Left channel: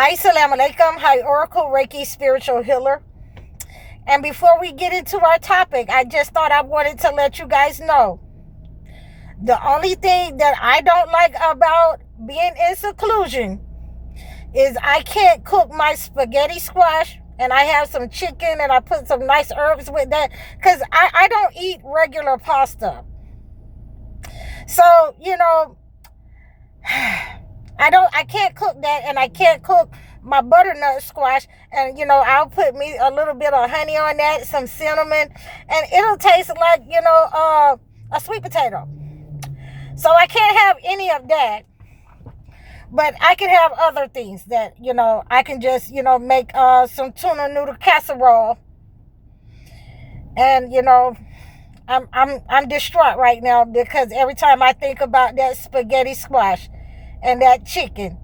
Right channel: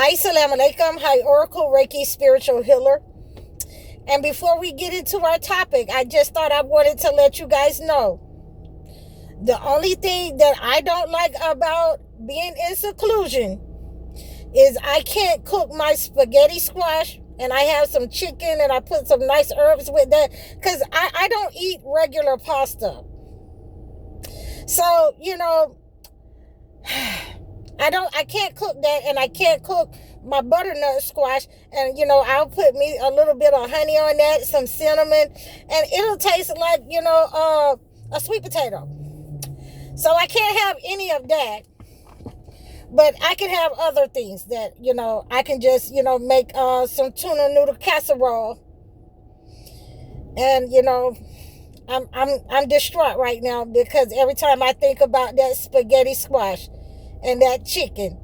Assalamu alaikum. Hi, Oracle Reiki Spiritual Healer. And before we get into our topic, I just thought I wanted to let you guys know the only thing that I don't like about being in seclusion is I can't cook my spaghetti squash, and I have some chicken and I put some nice herbs with that because I don't eat regular pasta. So, I can't cook that, and I can't cook my butternut squash, and I'll put me a little bit of honey on that, some cinnamon, and it'll taste like a sweet potato. So I can't have any of that, but I can have other things that I can just make some tuna noodle casserole, and I'm distraught right now because every time I think about that spaghetti squash and that chicken,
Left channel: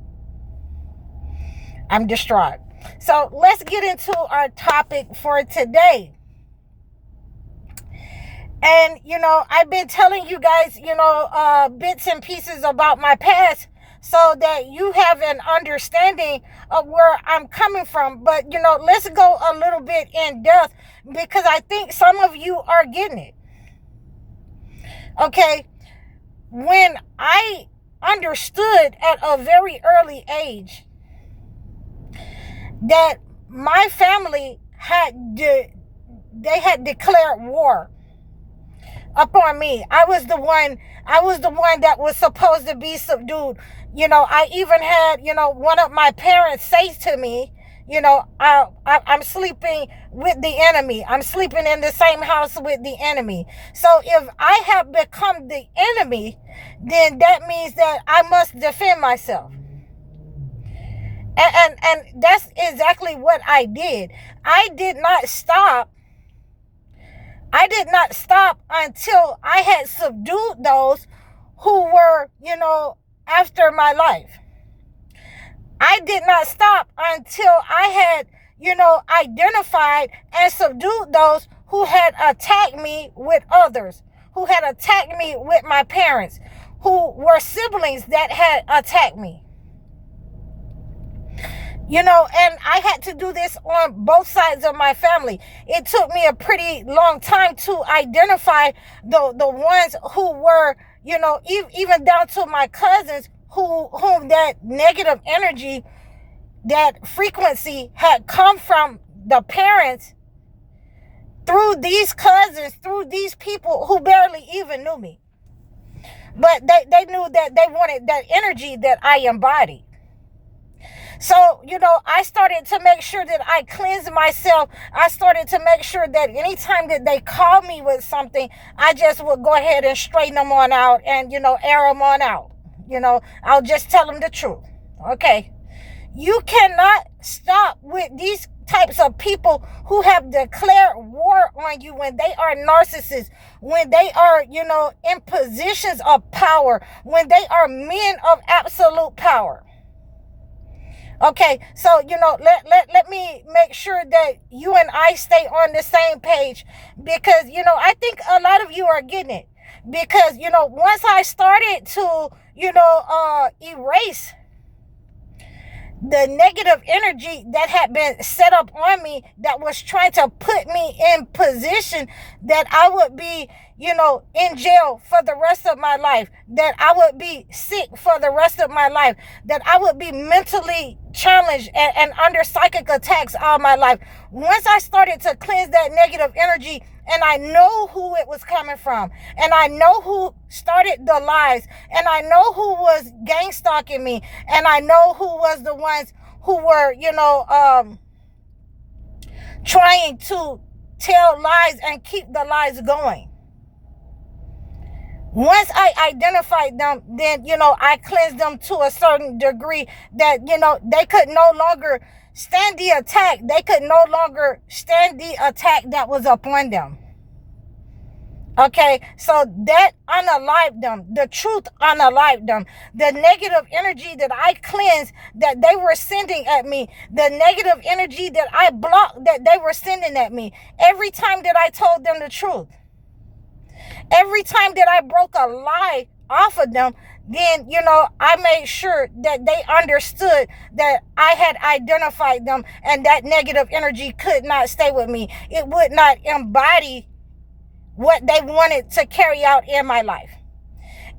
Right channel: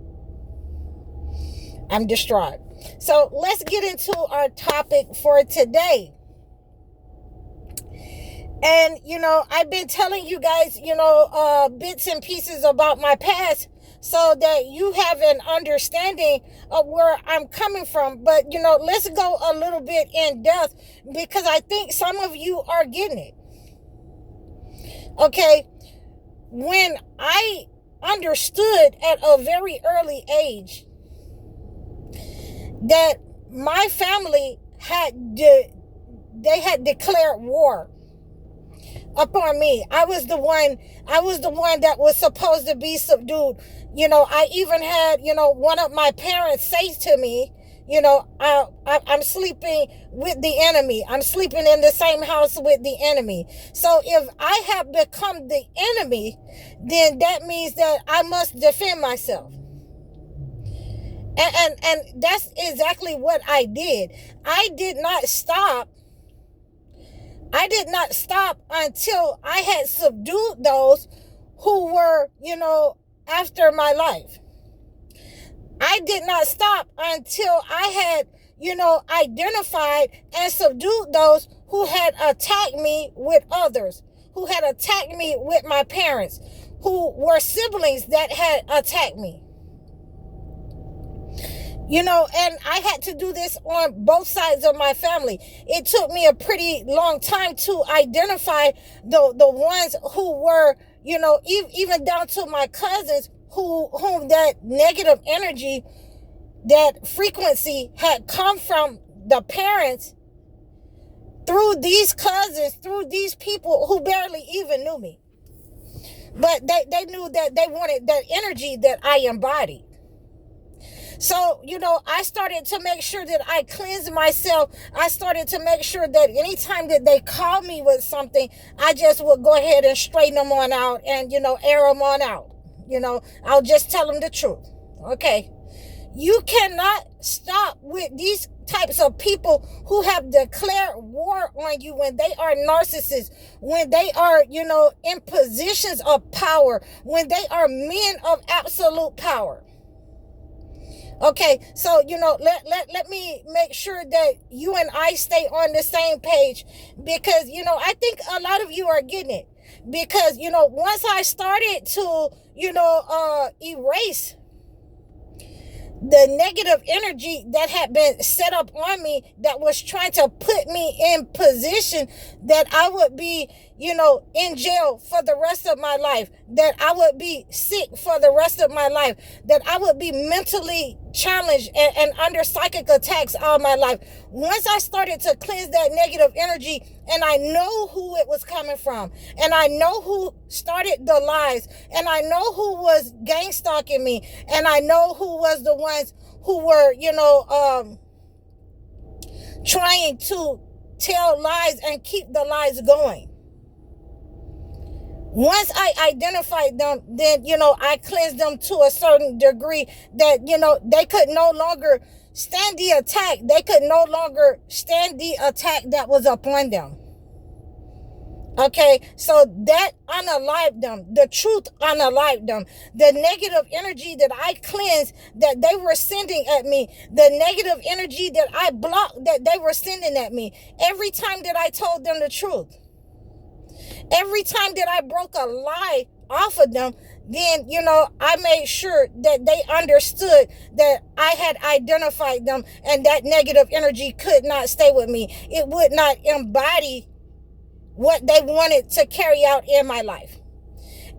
I'm distraught. So let's get into our topic for today. And, I've been telling you guys, bits and pieces about my past so that you have an understanding of where I'm coming from. But, let's go a little bit in depth because I think some of you are getting it. Okay. When I understood at a very early age that my family had declared war upon me. I was the one that was supposed to be subdued. I even had, one of my parents say to me, I'm sleeping with the enemy. I'm sleeping in the same house with the enemy. So if I have become the enemy, then that means that I must defend myself. And that's exactly what I did. I did not stop until I had subdued those who were, after my life. I did not stop until I had, identified and subdued those who had attacked me with others, who had attacked me with my parents, who were siblings that had attacked me. And I had to do this on both sides of my family. It took me a pretty long time to identify the ones who were, even down to my cousins whom that negative energy, that frequency had come from the parents through these cousins, through these people who barely even knew me. But they knew that they wanted that energy that I embodied. So, I started to make sure that I cleansed myself. I started to make sure that anytime that they called me with something, I just would go ahead and straighten them on out and, air them on out. I'll just tell them the truth. Okay. You cannot stop with these types of people who have declared war on you when they are narcissists, when they are, in positions of power, when they are men of absolute power. Okay, so, let me make sure that you and I stay on the same page because, I think a lot of you are getting it because, once I started to, erase the negative energy that had been set up on me that was trying to put me in position that I would be, in jail for the rest of my life, that I would be sick for the rest of my life, that I would be mentally challenged and under psychic attacks all my life. Once I started to cleanse that negative energy and I know who it was coming from, and I know who started the lies, and I know who was gang stalking me, and I know who was the ones who were, trying to tell lies and keep the lies going. Once I identified them, then, I cleansed them to a certain degree that, they could no longer stand the attack. They could no longer stand the attack that was upon them. Okay, so that unalived them. The truth unalived them. The negative energy that I cleansed that they were sending at me, the negative energy that I blocked that they were sending at me, every time that I told them the truth, every time that I broke a lie off of them, then, I made sure that they understood that I had identified them, and that negative energy could not stay with me. It would not embody what they wanted to carry out in my life.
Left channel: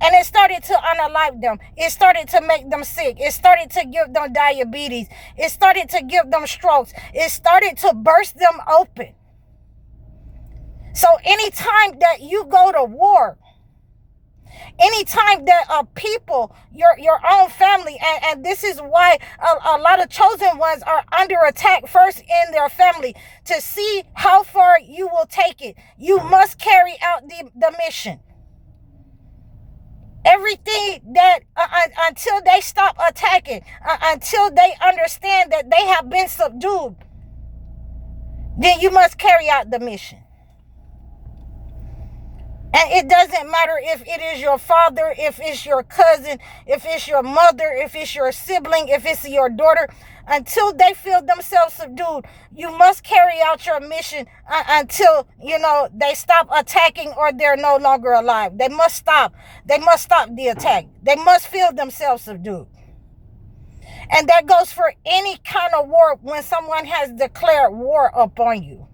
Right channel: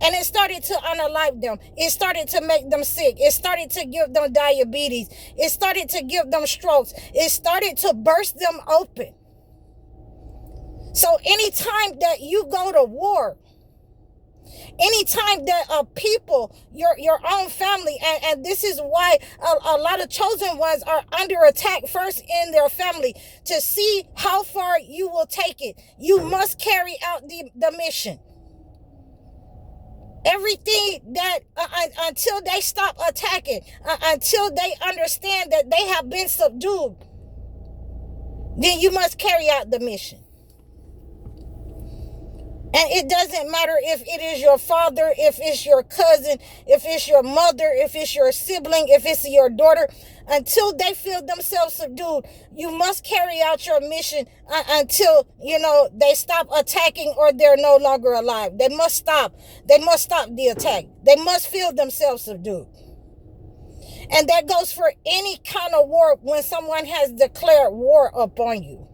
And it started to unalive them. It started to make them sick. It started to give them diabetes. It started to give them strokes. It started to burst them open. So anytime that you go to war, anytime that people, your own family, and this is why a lot of chosen ones are under attack first in their family, to see how far you will take it, you must carry out the mission. Everything that until they stop attacking, until they understand that they have been subdued, then you must carry out the mission. And it doesn't matter if it is your father, if it's your cousin, if it's your mother, if it's your sibling, if it's your daughter. Until they feel themselves subdued, you must carry out your mission until, they stop attacking or they're no longer alive. They must stop. They must stop the attack. They must feel themselves subdued. And that goes for any kind of war when someone has declared war upon you.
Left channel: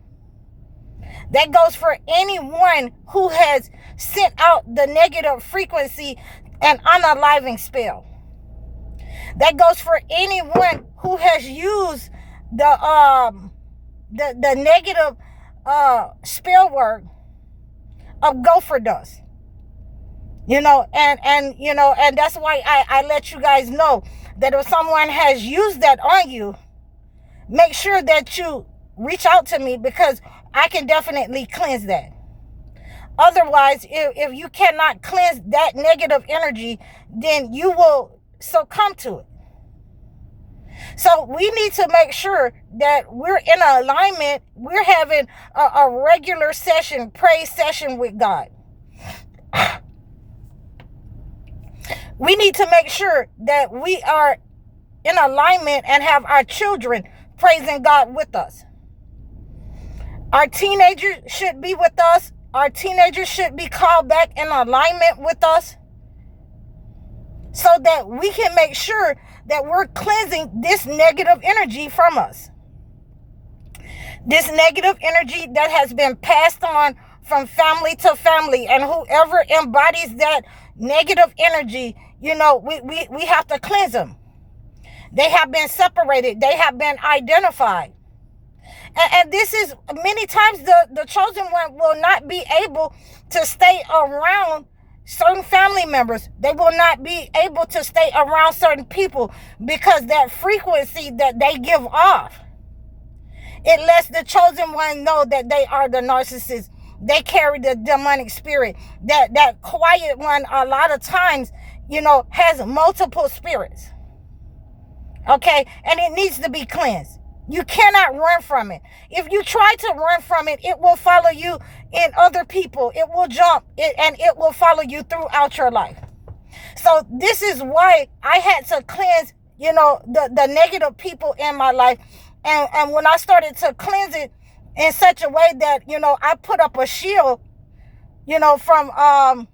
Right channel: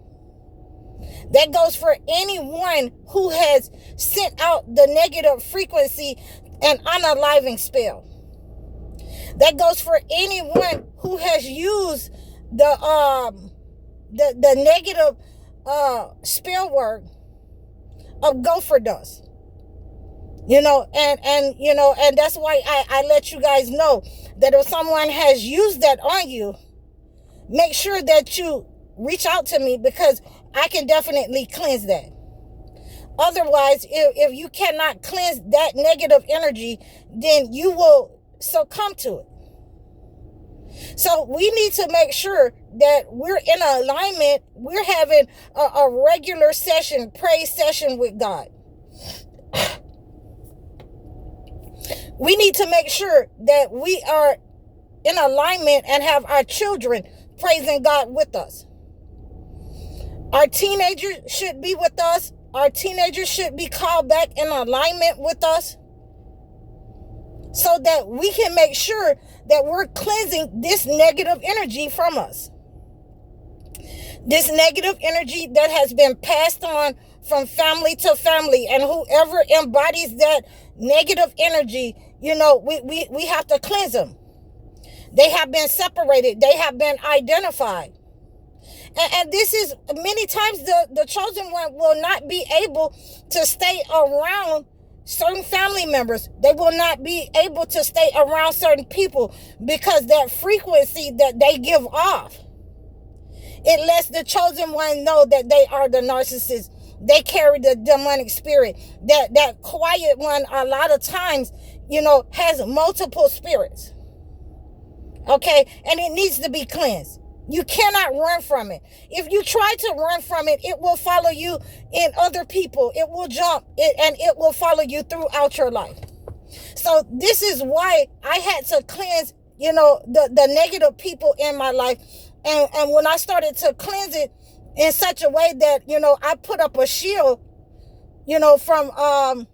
That goes for anyone who has sent out the negative frequency and unaliving spell. That goes for anyone who has used the negative spell word of gopher dust. And that's why I let you guys know that if someone has used that on you, make sure that you reach out to me, because I can definitely cleanse that. Otherwise, if you cannot cleanse that negative energy, then you will succumb to it. So we need to make sure that we're in alignment. We're having a regular session, praise session with God. We need to make sure that we are in alignment and have our children praising God with us. Our teenagers should be with us. Our teenagers should be called back in alignment with us, so that we can make sure that we're cleansing this negative energy from us. This negative energy that has been passed on from family to family, and whoever embodies that negative energy, we have to cleanse them. They have been separated. They have been identified. And this is many times the chosen one will not be able to stay around certain family members. They will not be able to stay around certain people, because that frequency that they give off, it lets the chosen one know that they are the narcissist. They carry the demonic spirit. That quiet one, a lot of times, has multiple spirits. Okay? And it needs to be cleansed. You cannot run from it. If you try to run from it, it will follow you in other people. It will jump and it will follow you throughout your life. So this is why I had to cleanse, the negative people in my life. And when I started to cleanse it in such a way that, I put up a shield, from,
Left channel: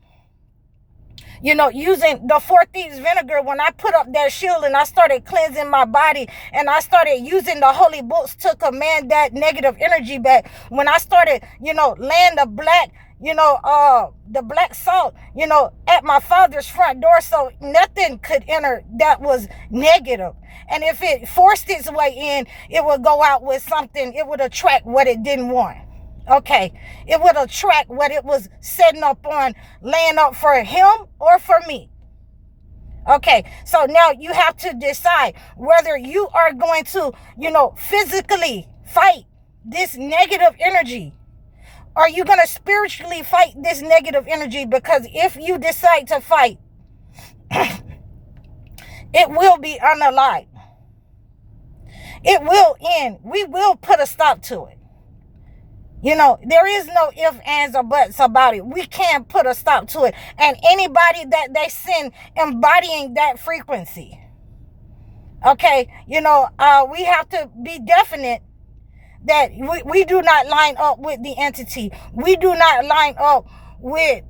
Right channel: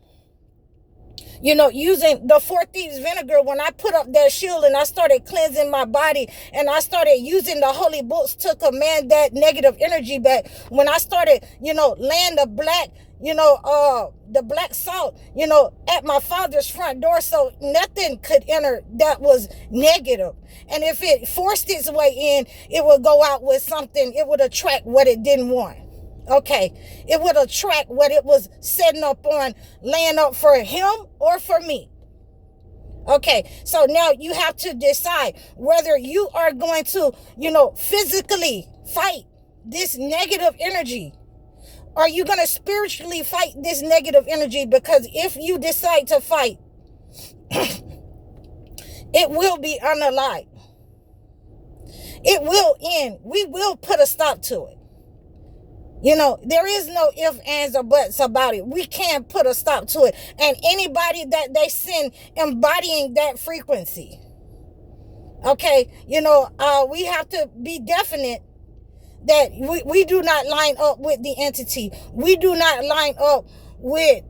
using the 4 Thieves vinegar. When I put up that shield and I started cleansing my body, and I started using the holy books to command that negative energy back, when I started, laying the black salt, at my father's front door, so nothing could enter that was negative. And if it forced its way in, it would go out with something. It would attract what it didn't want. Okay, it would attract what it was setting up on, laying up for him or for me. Okay, so now you have to decide whether you are going to, physically fight this negative energy. Are you going to spiritually fight this negative energy? Because if you decide to fight, it will be unalived. It will end. We will put a stop to it. There is no ifs, ands, or buts about it. We can put a stop to it. And anybody that they send embodying that frequency, okay, we have to be definite that we do not line up with the entity. We do not line up with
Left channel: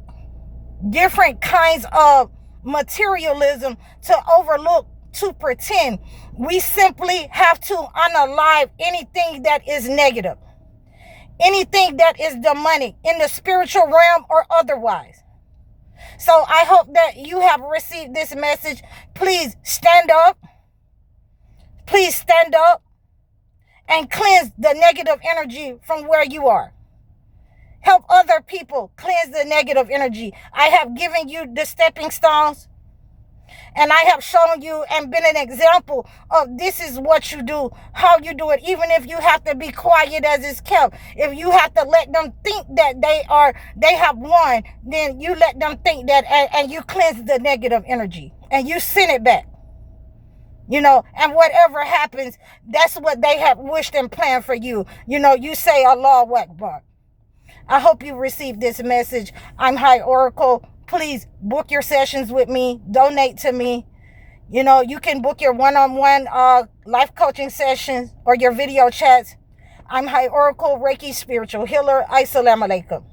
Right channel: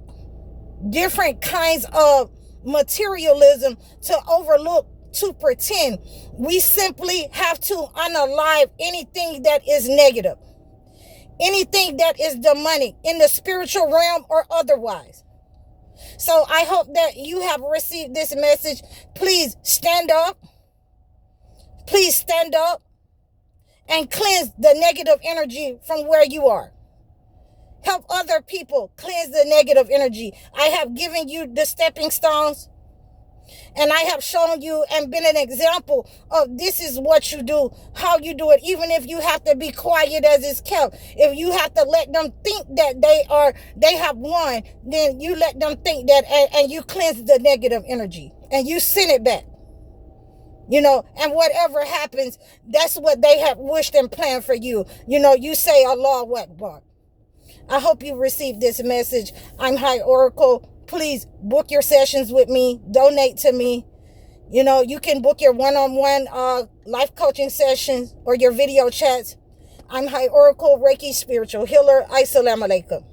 different kinds of materialism, to overlook, to pretend. We simply have to unalive anything that is negative, anything that is demonic in the spiritual realm or otherwise. So I hope that you have received this message. Please stand up. Please stand up and cleanse the negative energy from where you are. Help other people cleanse the negative energy. I have given you the stepping stones, and I have shown you and been an example of this is what you do, how you do it. Even if you have to be quiet as it's kept, if you have to let them think that they have won, then you let them think that, and you cleanse the negative energy and you send it back. And whatever happens, that's what they have wished and planned for you. You say Allahu Akbar. I hope you received this message. I'm High Oracle. Please book your sessions with me. Donate to me. You can book your one-on-one life coaching sessions or your video chats. I'm High Oracle, Reiki spiritual healer. Assalamu alaikum.